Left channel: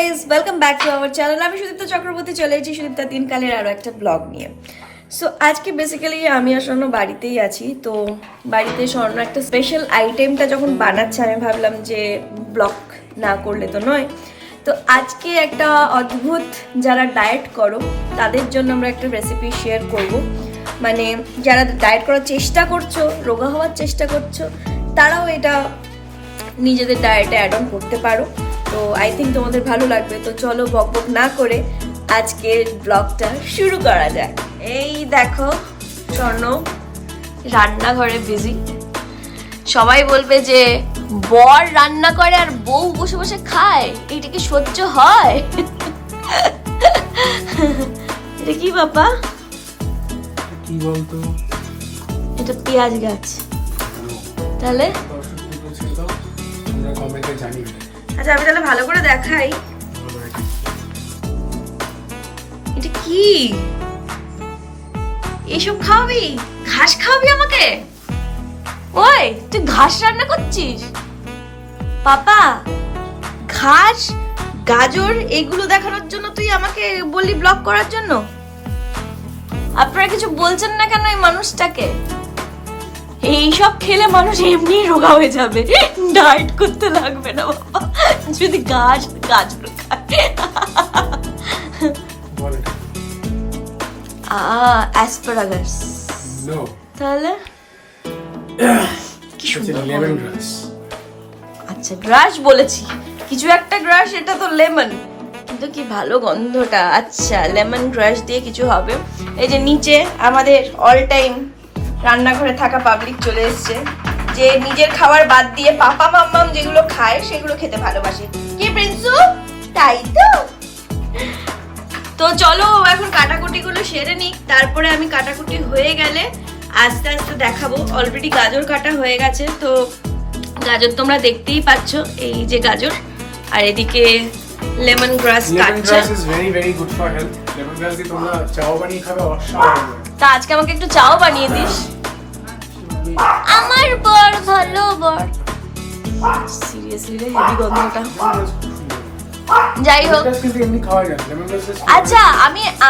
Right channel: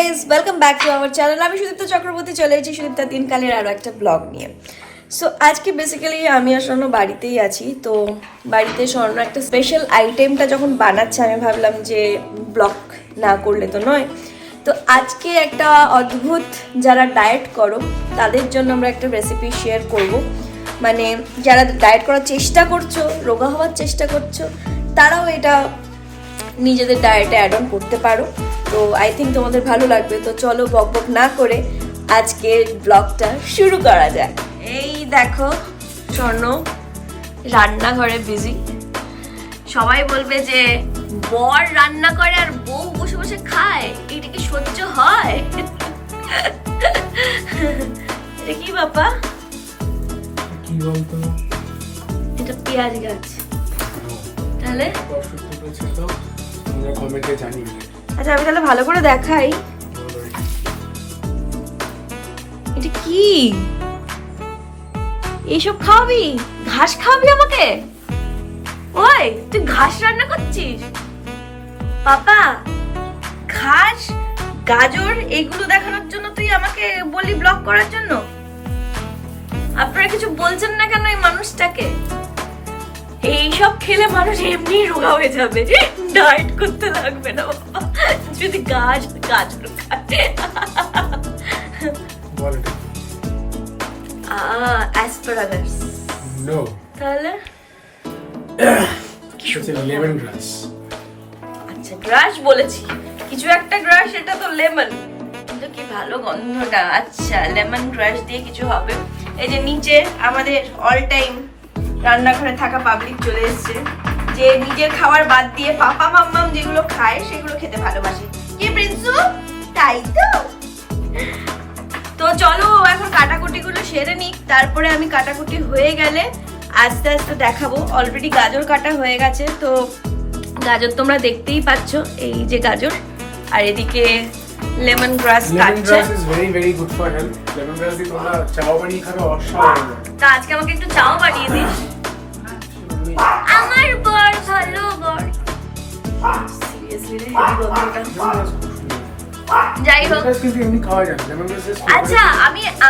Guys, welcome back to our channel. আমি সুদীপ্তা চক্রবর্তী চলে এসেছি সুদীপ্তা দিনকালের আরও একটা ব্লগ নিয়ে। সো আজকে বেসিক্যালি আমি আর স্বর্ণ বাড়িতেই আছি। তো বাড়িতে স্বর্ণ একটা স্পেশাল আইটেমটা যখন বানাচ্ছে আমি ভাবলাম যে ব্লগ না করলে তো নয়। তো আজকে একটা অদ্ভুত, যারা ডায়েট করো তাদের জন্য আমরা একটা রেসিপি শেয়ার করব। মানে যারা ডায়েট করার চেষ্টা করছো, রোগা হওয়ার চেষ্টা করছো, তারাও এটা নিজেদের ডায়েটে অ্যাড অন করতে পারো। তো আই থিঙ্ক তোমাদের ভালো লাগবে। তো চলো বকবক না করে আজকের ব্লগটা শুরু করা যাক। এই দেখো স্বর্ণ রান্নাঘরে বিজি। সবাই বলবে যে বর রান্না করে আর বউ বসে বসে খায়, এইটা কি সহ্য হয়? এটা কি বাবা? কি বলতো? এটা পেঁয়াজ গাছ। তাহলে আচ্ছা আমি তাহলে ভালো করে দেখাই। এটা কি? এইসব খাওয়াবি? ঘাস খাওয়াবি আমাকে? ওই তুই ঘাস রান্না করছিস পাপা? ঘাস, গাজর এইগুলো দেখানোর জন্য তুই আমাকে বললি ব্লগ করার জন্য? আপনারা কিছু বলছেন না কেন এই মানুষটাকে? এইসব খেলে মানুষ এমনি রোগা হয়ে যাবে, ডায়েট করতে লাগবে না বাবা যদি গাজর খায়। অ্যাসপারাগাস? নো। তাহলে লেমন গ্রাস। আচ্ছা গ্রাস বলেছি, কিছু একটা গ্রাস, এটা তো লেমন, কিন্তু কি ভালো গন্ধটা। আচ্ছা লেমন গ্রাস দিয়ে কিছু হবে। এই যে নিচে আমাদের অল টাইম রান্নাঘরে থাকা পাবলিক চলে এসছে, যে নিজের খাবার বাদ দিয়ে পাপা মাম্মাম যেগুলো খায় সেগুলো খেতে ভালোবাসে। কি প্রিন্সু, তাই তো? তো চলো এখন কাটাকুটি গুলো সেরে নিক, তারপরে আমি কাটাকুটি হয়ে গেলে আস্তে আস্তে দেখাবো। অলরেডি গাজর কাটা হয়ে গেছে, তো গাজর তোমরা দেখতেই পাচ্ছ, এই যে গাজর, আর এদিকে লেমন গ্রাস কাটছে। Lemon glass is very very good for health. Lemon গ্রাস দিয়ে তোমরা চাও বানিয়ে খাবে, অসাধারণ। তা আজকে আমাকে একটু চাও বানিয়ে দিস। আমার বর ভালো বর। সিরিয়াসলি হেভি গন্ধটা। যাই হোক, আচ্ছা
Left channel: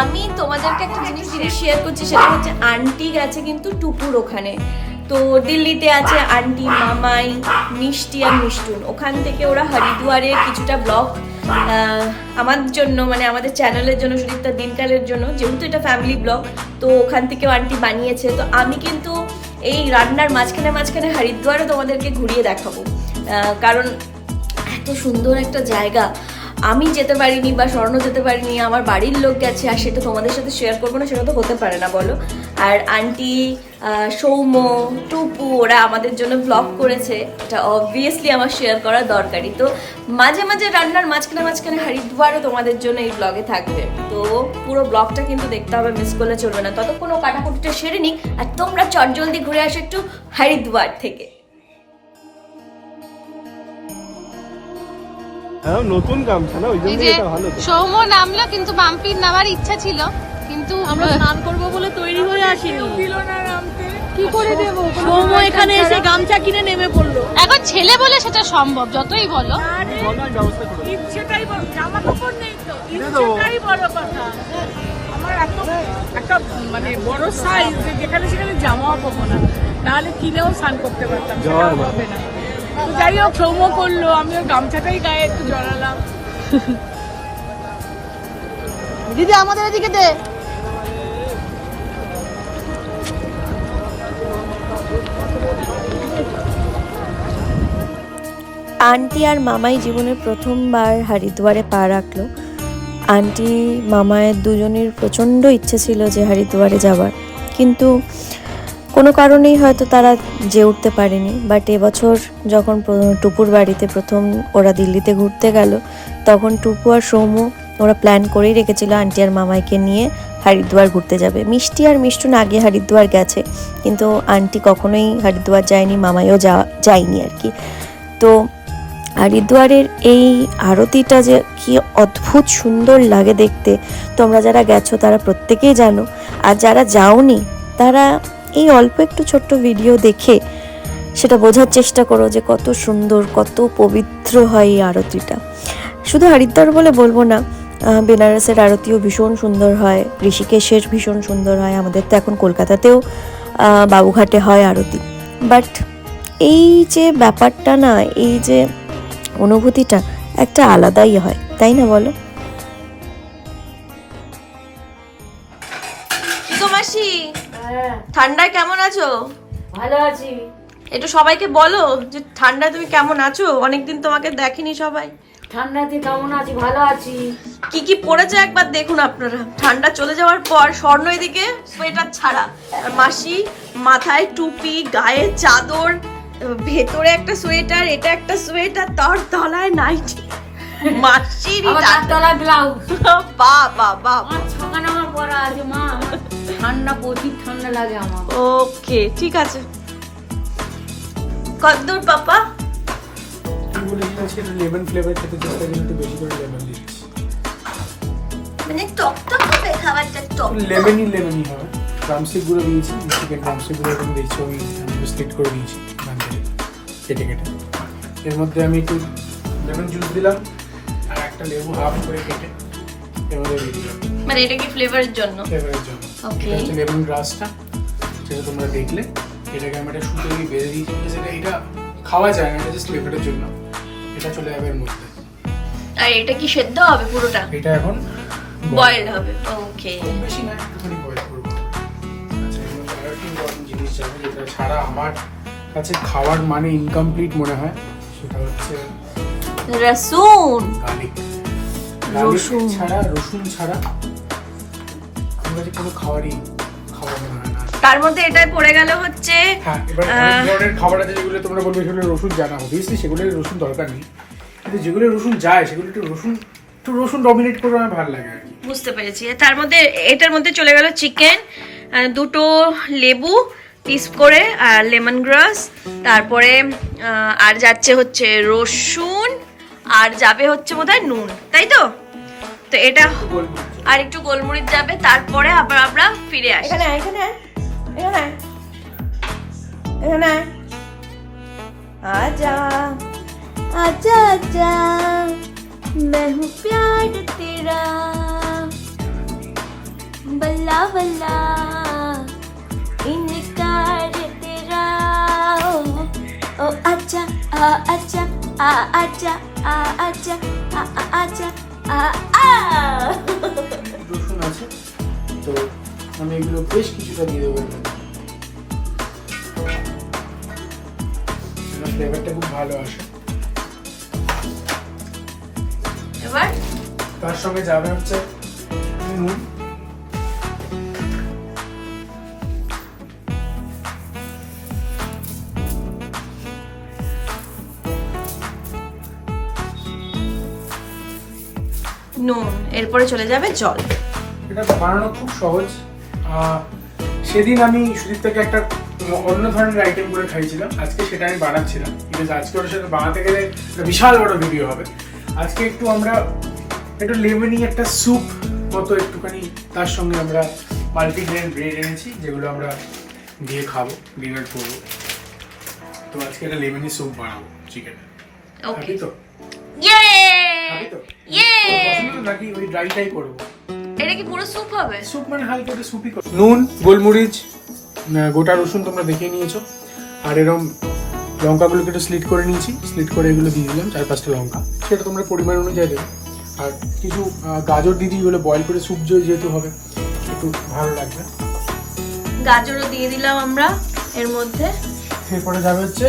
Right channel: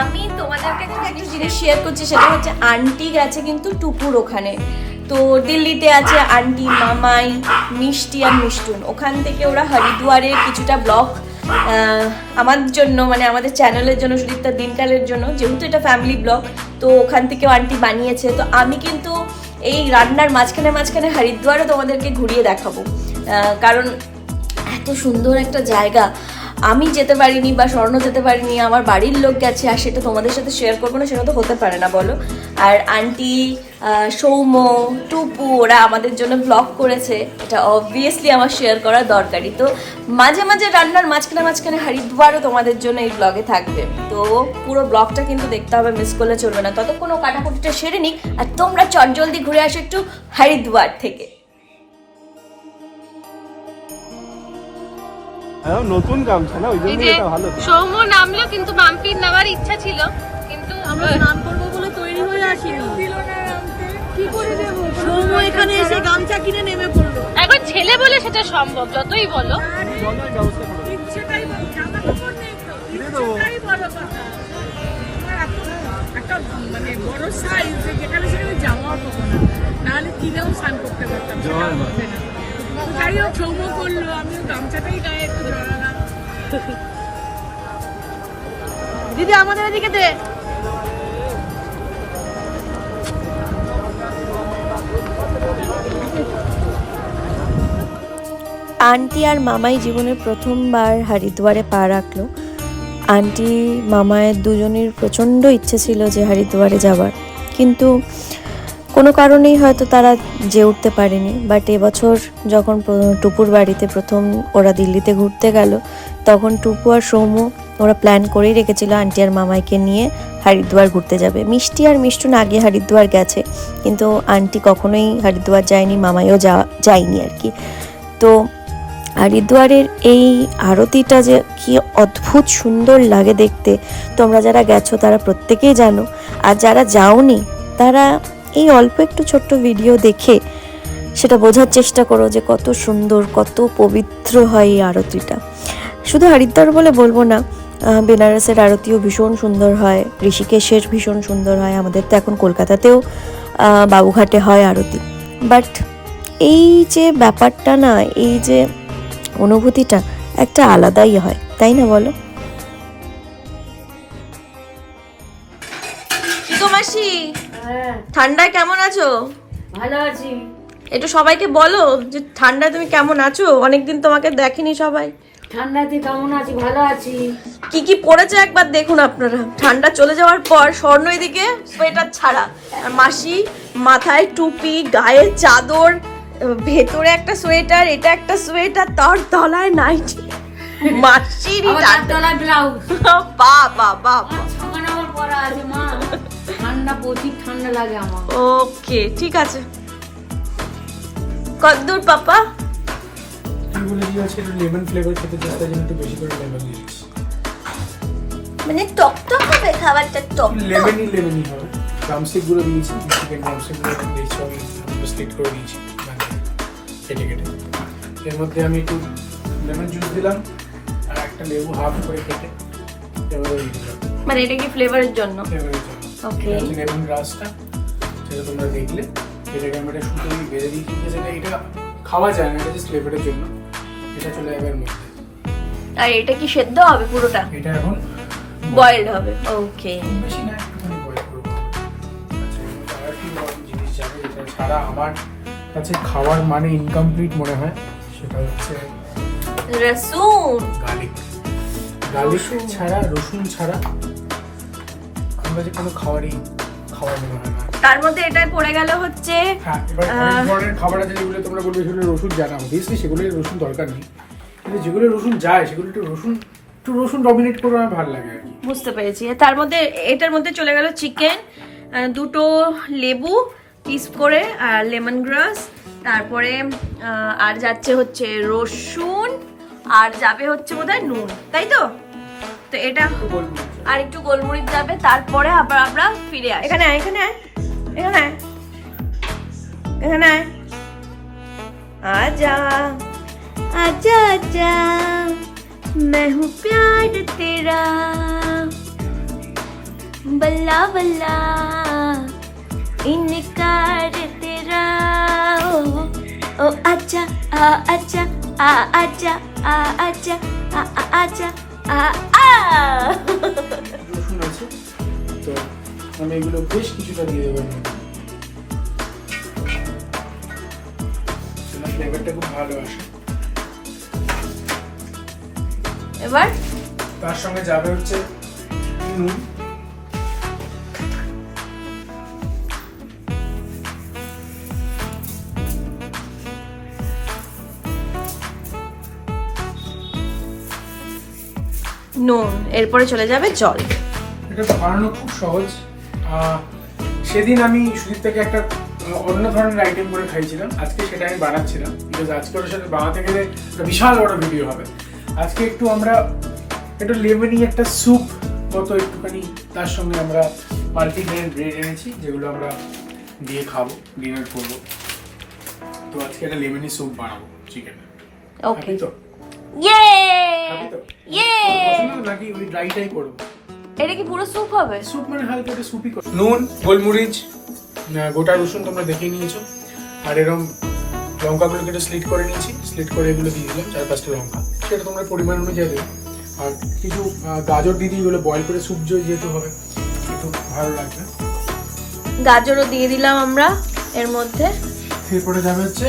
আমি তোমাদেরকে একটা জিনিস শেয়ার করছি, সেটা হচ্ছে আন্টি গেছে কিন্তু টুপুর ওখানে। তো দিল্লিতে আছে আন্টি, মামাই, মিষ্টি আর মিষ্টুন। ওখান থেকে ওরা হরিদ্বারের কিছুটা ব্লগ আমার জন্য, মানে আমাদের চ্যানেলের জন্য, সুদীপ্তা দিনকালের জন্য, যেহেতু এটা ফ্যামিলি ব্লগ, তো ওখান থেকেও আন্টি বানিয়েছে। তো আমি কিন্তু এই রান্নার মাঝখানে মাঝখানে হরিদ্বারও তোমাদেরকে ঘুরিয়ে দেখাবো, কারণ এত সুন্দর একটা জায়গা। আমি যেতে পারিনি বা স্বর্ণ যেতে পারিনি, আমার বাড়ির লোক গেছে, আর সেটা তোমাদের সাথে শেয়ার করবো না, সেটা তো হতে পারে না বলো। আর আন্টি, সৌম্য, টুপু ওরা আমাদের জন্য ব্লগ করেছে, এটা অবভিয়াসলি আমার শেয়ার করা দরকারি। তো মাঝে মাঝে রান্নার মাঝখানে মাঝখানে হরিদ্বারও তোমাদের জন্য এই ব্লগে থাকবে। তো পুরো ব্লগটা কিন্তু দেখতে হবে, মিস করলে চলবে না। ততক্ষণ ও কাটাকুটিটা সেরে নিক, আর তোমরা চটজলদি ঘুরে আসো একটু হরিদ্বার থেকে। হ্যাঁ, নতুন গামছা না, ওই জন্য এটা ভালো। তো সৌম্য নামলো, কিন্তু মাম্পির নামার ইচ্ছা ছিল, কিন্তু আমরা স্নান করবো বলে তৈরি হয়ে আসিনি। কি করে দেব? সৌম্য এখানে এসে গামছা কিনে নেমে পড়লো। এখন ছেলে বলে সেটা সম্ভব, যতই বলো। ব্যবস্থা করে ইচ্ছেটাই বড়, জামা কাপড় নেই তো, ইচ্ছেটাই বড় কথা। আমার এত একটা মানে বড় সাইজ, যেখানে সেখানে জামাও পাবো না, নাহলে কিনেও স্নান করতে পারতাম, সেটাও হবে না। যাই হোক, সৌম্য করলো, আমিও গামছাটাই গায়ে একটু জড়ালাম। দিদি আমাদের এদিকে দে। আন্টি আর মামাই জীবনের প্রথমবার হরিদ্বারে পা রাখলো। আন্টি মামায়ের দুজনের প্রচণ্ড ইচ্ছে ছিল যে হরিদ্বারে যাবার, কিন্তু কোনো কারণেই হয়তো তারা যেয়ে উঠতে পারেনি। বাট এবছর যখন টুপুর বাড়িতে প্রথম ওরা দিল্লিতে ঘুরতে গেল, তখন টুপু আর সৌম্য ওরা প্ল্যান করেই রেখেছিল আন্টি আর মামাইকে নিয়ে হরিদ্বার ঘুরতে যাবে। মিষ্টি আর মিষ্টুন আগে হরিদ্বার গেছে, কিন্তু আন্টি কখনোই হরিদ্বার যায়নি, মামাইও যায়নি আর কি। তো হরিদ্বারের এই আরতিটা যে কি অদ্ভুত সুন্দর লাগে দেখতে, তোমরা যারা গেছো তারা প্রত্যেকেই জানো, আর যারা যাওনি তারা এই অল্প একটু ছোট্ট ভিডিও দেখে সেটা বোঝার চেষ্টা করো যে কত সুন্দর, কত পবিত্র হয় এই আরতিটা। শুধু হরিদ্বার বলে বলবো না, বেনারসের আরতিও ভীষণ সুন্দর হয়, ঋষিকেশের ভীষণ সুন্দর হয়, আমাদের তো এখন কলকাতাতেও বাবুঘাটে হয় আরতি। বাট এই যে ব্যাপারটা না, এই যে অনুভূতিটা একটা আলাদাই হয়, তাই না বলো? কি গো মাসি, ঠান্ডায় কেমন আছো? ভালো আছি। একটু সবাইকে বলো যে ঠান্ডায় তুমি কেমন আছো, অনেকদিন তোমাকে দেখিনি সবাই। ঠান্ডাতে কেমন আছি? ভালো আছি। কি কি পড়েছে একবার দেখুন আপনারা। ঠান্ডা চলে যাওয়ার পর স্বর্ণ এদিকে সোয়েটার ছাড়া, আর মাসি মাথায় টুপি, গায়ে চাদর, ভেতরে একটা সোয়েটার, এটা একটা সোয়েটার, তার তলায় নাইটি। মাসির তলায় ব্লাউজ। বাবা বাবা, ছখানা আমার পরা আছে মা। ঠান্ডা প্রচুর ঠান্ডা লাগে আমার। ওকে ঠিক আছে। কদ্দূর পাপা? কি বলেছি আজকে একটু লেমন ফ্লেভার খেতে চেষ্টা করি, একটু বেশি করে লেমন দিচ্ছি। মানে টক টক হবে খাবারটা, টক লেমনই হয়। ড্রামস্টিক গুলো দিয়েছি, চিকেন ড্রামস্টিক গুলো এখন দিয়েছি, আমি স্লিট করে দিয়েছি কেটে কেটে। এর মধ্যে আমি একটু লেমন জুস দিলাম আর একটা লেবু হাফ করে কেটে এভাবে দিয়ে দিলাম, মানে এটা কি ফ্লেভারের জন্য? ফ্লেভারের জন্য। ওকে, লেমন গ্রাসটা সেটা তোমরা দেখলে, এটাকে আমি একটা সুতো দিয়ে বেঁধে দিই, কিন্তু সেটা এটা খাওয়া যায় না, এটা জাস্ট ফ্লেভারের জন্য। এটা চলে যাবে এর মধ্যে। আর এটা কি সেদ্ধ হবে পুরোটা? এটা এখন বয়েলড হবে। ওকে, বেশি না, একটুখানি বয়েল করবো। আচ্ছা, এর মধ্যে আরেকটি ইম্পর্টেন্ট জিনিস যাবে, যেটা ছাড়া আমার কাছে খাওয়ার মানে ইনকমপ্লিট মনে হয়, সেটা হচ্ছে রসুন। গার্লিক। গার্লিক ছাড়া, রসুন ছাড়া আমার কাছে কোনো খাওয়ার মনে হয় না। তার মধ্যে এটাই পড়ে গেল হচ্ছে হ্যাঁ, এবার অনেক ধরনের খাবার আছে যেগুলো তোমরা বলবে সেগুলো রসুন জানা, অবভিয়াসলি সেগুলো রসুন দরকার নেই, কিন্তু যেগুলো রসুন যায় সেগুলো একটু রসুন ডমিনেট করে আমার ভালো লাগে আর কি। বুঝতে পেরেছি। তার মধ্যে এটার মধ্যে চলে গেল চিকেন, দুটো লেবু পিস করে, আর লেমন গ্রাস, তারপরে আর যাচ্ছে হচ্ছে রসুন, আর যাবে হচ্ছে বোধহয় নুন, তাই তো? তো এটা আর একটু গোলমরিচ যাবে, তারপরে আবার আমরা ফিরে আসি। এখানে এখানে এখানে এখানে आजा आजा आजा मैं हूँ प्यार तेरा बल्ला बल्ला इनकार तेरा ओ आजा आजा आजा आजा आजा রসুন আছে, তো আমি এগুলো বেশ কিছুটা দিয়ে দেবো, ফ্লেভারটা খুব ভালো আসে। এবার তার সঙ্গে যাবে হচ্ছে নুন, নুন, এরপরে চলে যাবে জল। এটা বানানো খুব সহজ। সেদিন আমি সুদীপ থেকে একটা অন্য ধরনের আইটেম করে খাইছিলাম, আজকে সেটা আমি বানাচ্ছিলাম, বিকজ আজকে ওর সাথে বানাতে গেলে একটা বিশাল বড় ভিডিও হবে। আজকে আমরা একটু লেমনি একটা স্যুপ মতো একটুখানি, তার সঙ্গে আমরা মাল্টিগ্রেন ব্রেড এনেছি যেগুলো আমরা দিয়ে খাবো, ডিনার করবো। তো আজকে একটা লেমনি স্যুপ বানাবো চিকেন। ওকে, তো ইয়ে তো ইয়ে, নাকি ওই ড্রাইটাই করবো? এটা কি পুরো স্যুপ হবে? স্যুপ মানে হালকা একটা স্যুপই করবো। নুন, গোলমরিচ, গোটা রসুন তোমরা দেখে নিয়েছো, আর এরকম লঙ্কাগুলো কেটে স্লিট করে নিয়েছি, স্লিট করে এগুলো দিয়ে দিলাম 4-5টা লঙ্কা, সেটা তোমরা পরিমাণ অনুযায়ী দেবে। আর কিছু গাজর দিয়ে দিই, এগুলো বয়েল করে স্যুপ যেহেতু হবে একটু ভালো লাগবে। গাজরও দিয়ে দিলাম আমরা এর মধ্যে। এরপরে যাবে হচ্ছে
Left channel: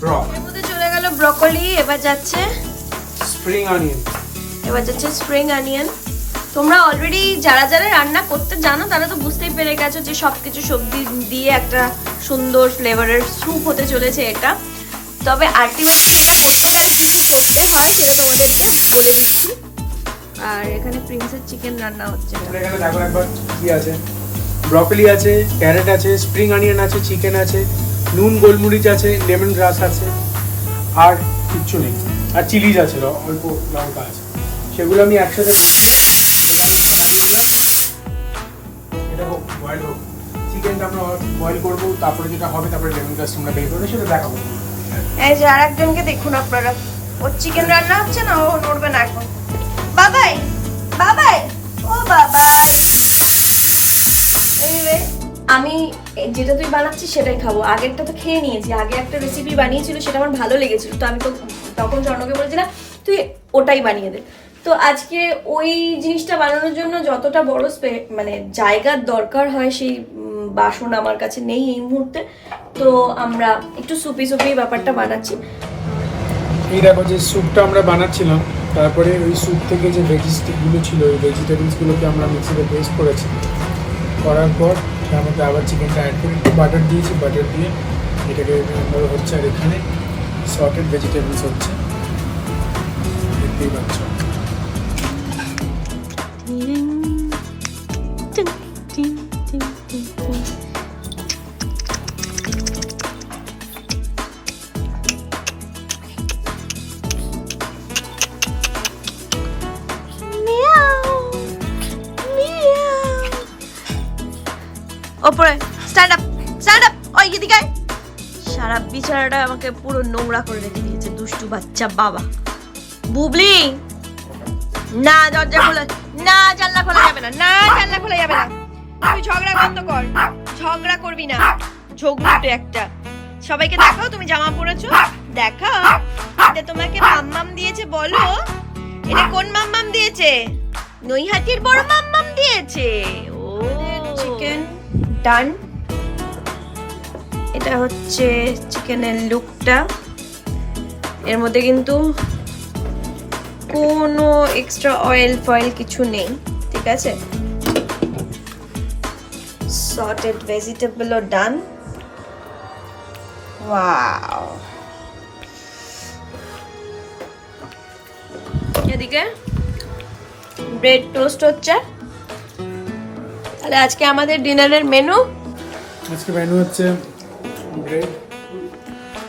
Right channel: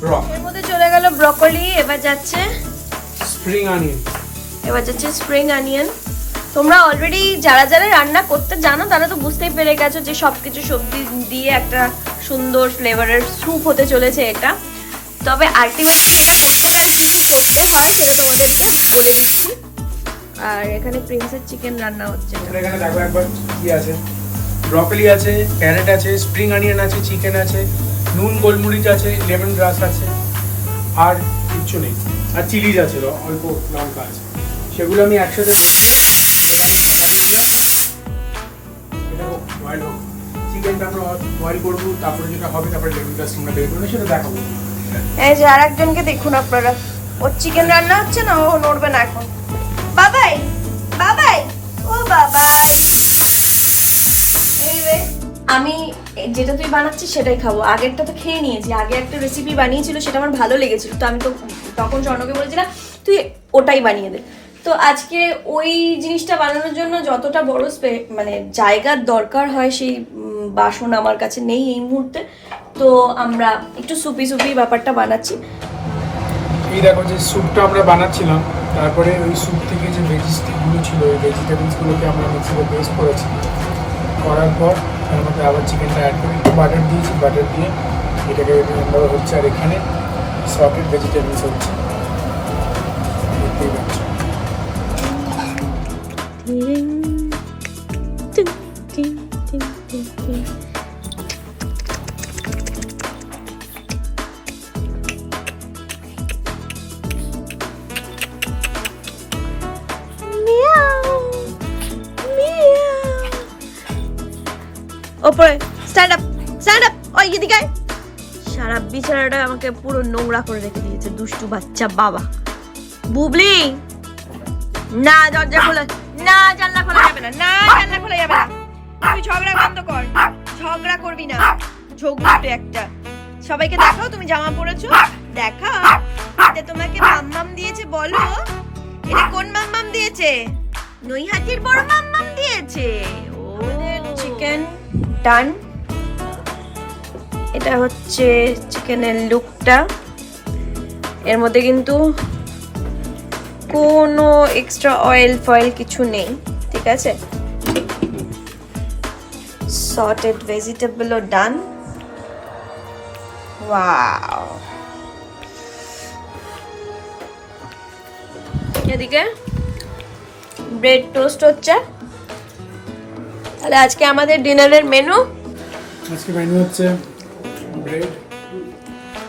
ব্রক, এর মধ্যে চলে গেল ব্রকলি, এবার যাচ্ছে স্প্রিং অনিয়ন। Spring onion. তোমরা অলরেডি যারা যারা রান্না করতে জানো তারা তো বুঝতেই পেরে গেছো যে সবকিছু সবজি দিয়ে একটা সুন্দর ফ্লেভারের স্যুপ হতে চলেছে এটা। তবে আলটিমেটলি এটা করতে গেলে কি কি করতে হয় সেটা তোমাদেরকে বলে দিচ্ছি। আর এখানে প্রিন্সেস চিকেন রান্না হচ্ছে। এখানে দেখো একবার কি আছে, ব্রকলি আছে, ক্যারেট আছে, স্প্রিং অনিয়ন আছে, চিকেন আছে, নুন গোলমরিচ আছে, লেমন গ্রাস আছে, আর কিচ্ছু নেই, আর চিলিজ আছে, অল্প লঙ্কা আছে। সেগুলো আমি একসাথে মিশিয়ে আমি ঢাকা দিয়ে দিলাম। এটা বয়েল হোক, চিকেনটা আমরা বয়েল করবো, তারপরে যেটা হবে তারপরে লেমন গ্রাস তোমরা বের করে সেটা দেখাবো। এই যে আর একজনকে দেখুন আপনারা, ওর চিকেন রান্না হচ্ছে না, ও নড়বে না এখন। বাবাই বাবাই ও বাবাই, এই রে আমি যেটা তুই বানাচ্ছিস সেটাই খাবো। আগেরটা তো খেয়ে নিয়েছি, আগে একটা রেসিপি বানিয়েছিল সেটা আমার ভালো লেগেছিল, তো আমি তো তখন স্বর্ণকে বলেছিলাম তুই ওটাই বানিয়ে দে। তো আজকে ওই জিনিসটা বানানোর জন্য যতটা বড় মানে জায়গার দরকার হয় সেই বাসন আমার কাছে নেই এই মুহূর্তে, তো আমরা একটু সুপি সুপি ব্যাপারটা বানাচ্ছি। এই দেখো যে স্যুপটা আমরা বানাচ্ছিলাম, তারপরে ওই স্যুপ থেকে যে ভেজিটেবলগুলো ছিল ওই ভেজিটেবলসগুলোকে আমরা মিক্সিতে পেস্ট করেছি, করার পর তার মধ্যে আবার চিকেনটা অ্যাড করে একটু বাটার দিয়েছি, বাটার দিয়ে এটাকে রান্না হচ্ছে। আর এখানে সটেড ভেজিটেবলস হচ্ছে, দেখতেই পাচ্ছ। ওপরে স্ট্যান্ড আপ, ওই এদিকে আয়। সারা বিছানাটা আমাকে পুরো নোংরা করে রেখে দিয়েছে দুষ্টু বাচ্চা বাবা। বুবলি না, দরজা খোলা না, জানলা খোলা যাবে না, না জানলা খোলা যাবে না। তুই ঝগড়া বন্ধ কর, ঝগড়া করবি না, ঝগড়ুটে একটা। সবাইকে দেখাও তুমি জামা পরেছো, দেখাও। এটা তোমাকে মাম্মাম দিয়েছে, বলো এটা কোন মাম্মাম দিয়েছে? নৈহাটির বড় মাম্মাম দিয়েছে। ও চিকেন ডান। এটা হচ্ছে চিকেনের লুকটা, এর মধ্যে কিন্তু কোনো এক্সট্রা অয়েল ফয়েল কিছু নেই, ঠিক আছে। সটেড ভেজিটেবলও ডান। ওয়াও, এদিকে ব্রেড টোস্ট হচ্ছে। তাহলে আজকে আমাদের ডিনারের মেনু, আজকে মেনু হচ্ছে ব্রেড।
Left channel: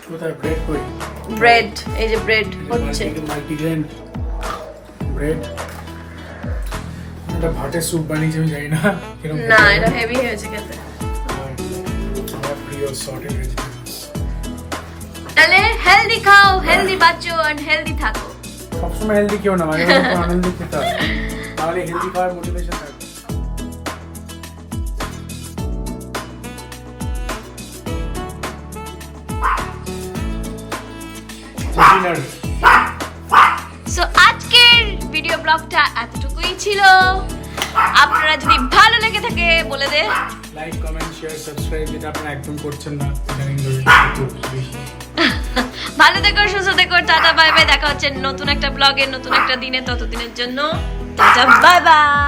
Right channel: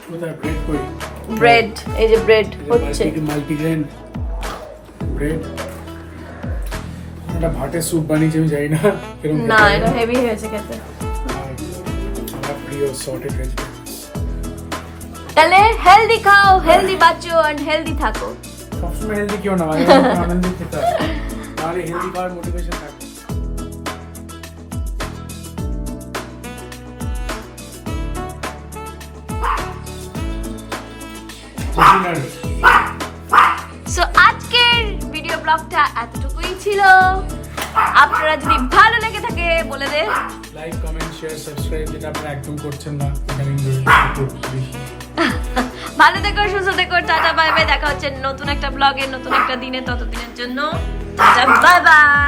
কোথায় ব্রেড করি? ব্রেড, এই যে ব্রেড হচ্ছে, মাল্টিগ্রেন ব্রেড। এটা ভাতের স্যুপ বানিয়েছি, আমি জানি না কিরকম না এটা হেভি হয়েছে খেতে। আমার প্রিয় সল্টেড ভেজিটেবলস। তাহলে হেলদি খাও, হেলদি বাঁচো আর হেলদি থাকো। সবসময় হেলদি কেউ না, মাঝে মাঝে আনন্দ খেতে হবে, তাহলে হেলদি খাওয়ার মোটিভেশন থাকবে। সো আজকের ভিডিও ব্লগটা এতটুকুই ছিল। আপনারা যদি ভালো লেগে থাকে বলে দে লাইক, কমেন্ট, শেয়ার, সাবস্ক্রাইব, যেটা আপনারা একদম করছেন না। ভালো থেকো, সুস্থ থেকো, টাটা বাই বাই। দেখা হচ্ছে নতুন একটা ব্লগে, নতুন একটা দিনে। ততদিনের জন্য বাই বাই।